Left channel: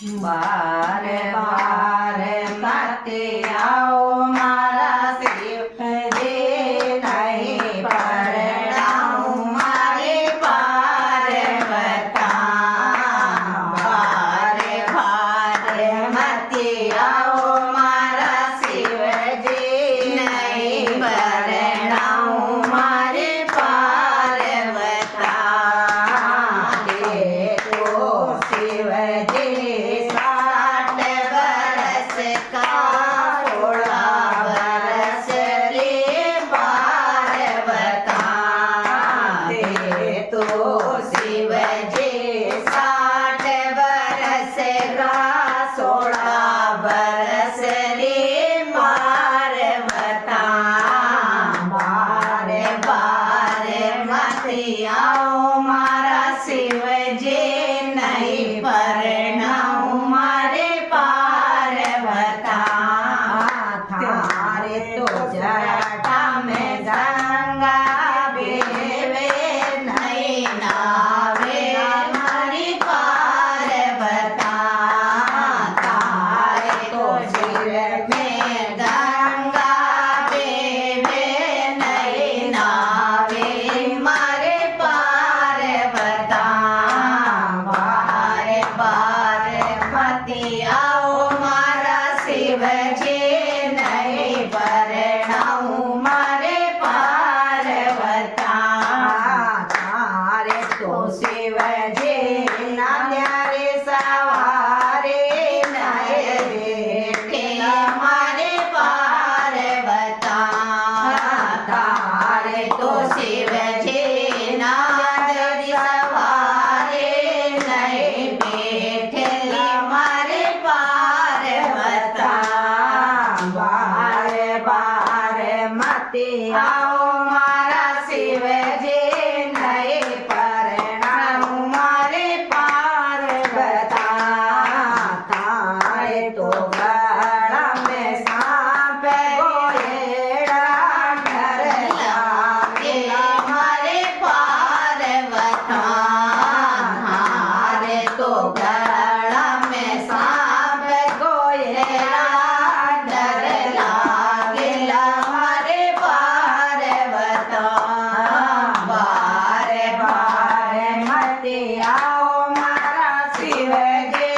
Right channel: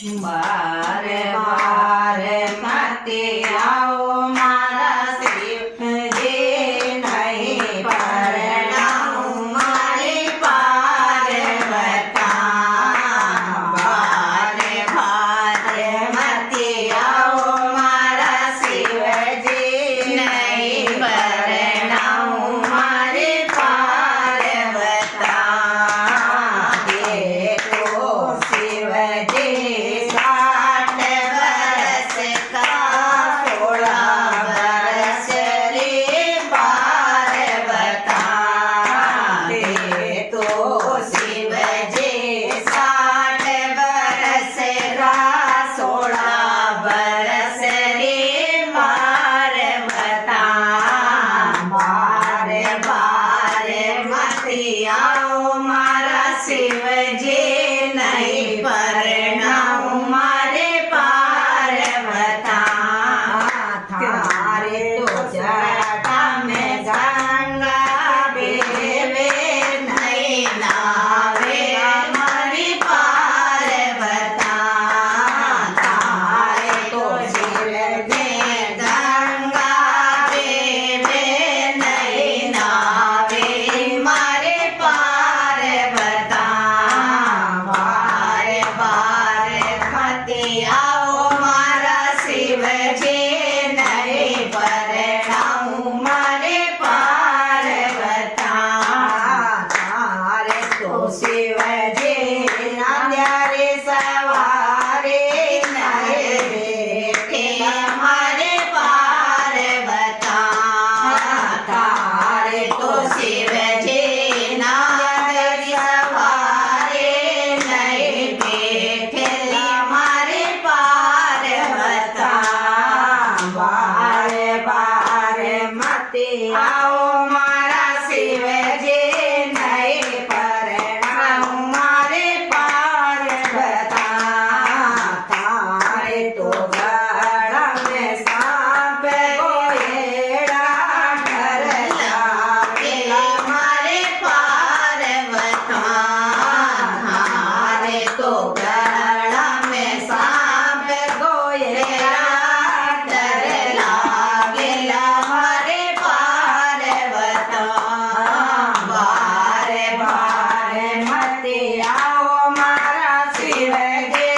बारे बारे मते आओ मारा शिवजी नहीं परणाऊं मारे पार्वता बारे बारे मते आओ मारा शिवजी नहीं परणाऊं मारे पार्वता देखो शिवजी आओ मारा शिवजी नहीं परणाऊं मारे पार्वता थारे तो जटा में गंगा बेवे नहीं नावे मारी पार्वता थारे तो सिर में गंगा बेवे नहीं नावे मारे पार्वता बारे बारे मते आओ मारा शिवजी नहीं परणाऊं मारे पार्वता थारे तो शिवजी नाद्यारे सवारे नहीं बेटे मारे पार्वता थारे तो शिवजी नाद्यारे सवारे नहीं बेटे मारे पार्वता बारे बारे मते आओ मारा शिवजी नहीं परणाऊं मारे पार्वता थारे तो गड़ा में सांप गोएड़ा डर लागेला मारे पार्वता थारे तो गड़ा में सांप गोएड़ा डर लागेला मारे पार्वता बारे बारे मते आओ मारा शिवजी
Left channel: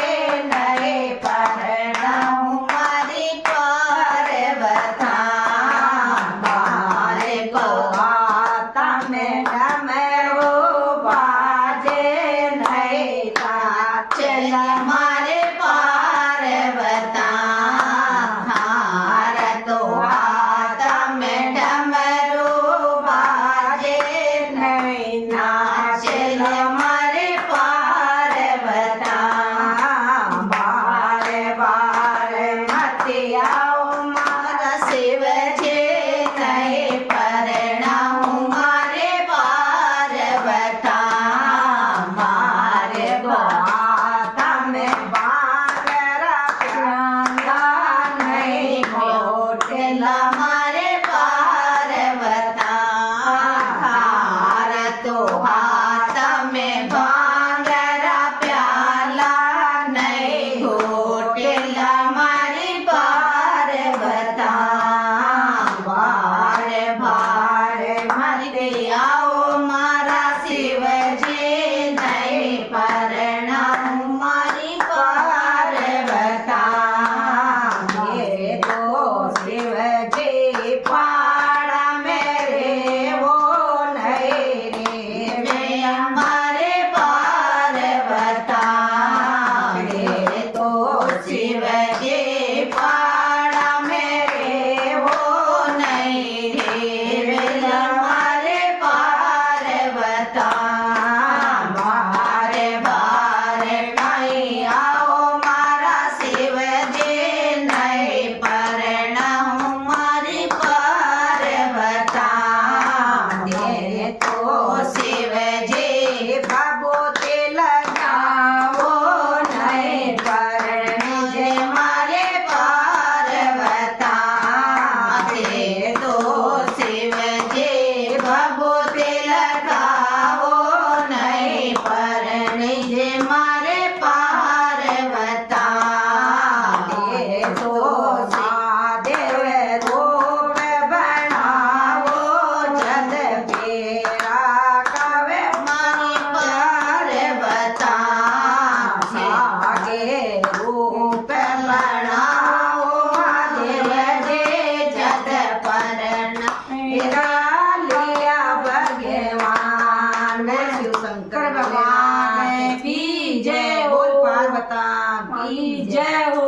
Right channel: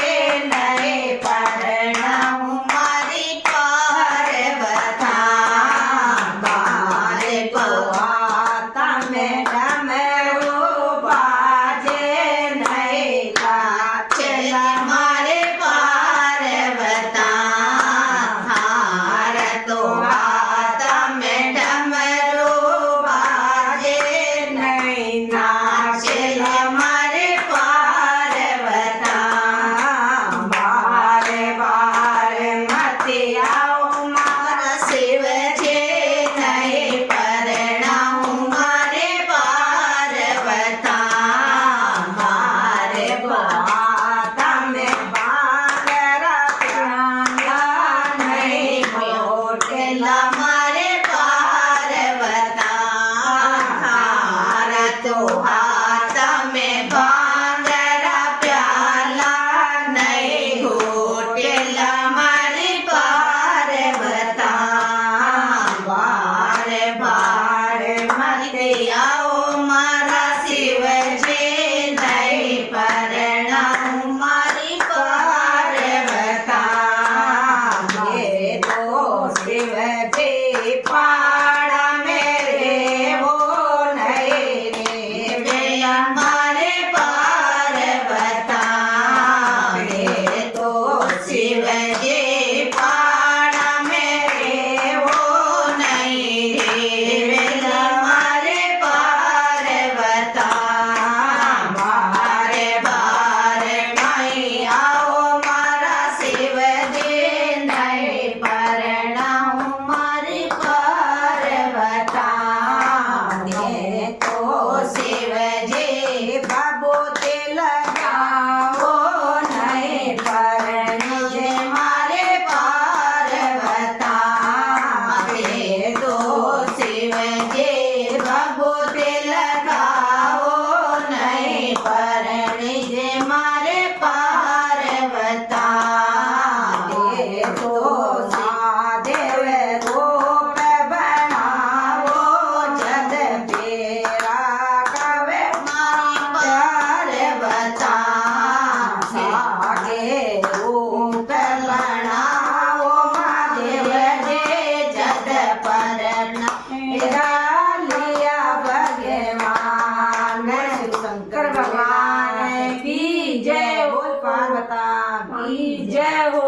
नहीं परणाऊं કી જય હો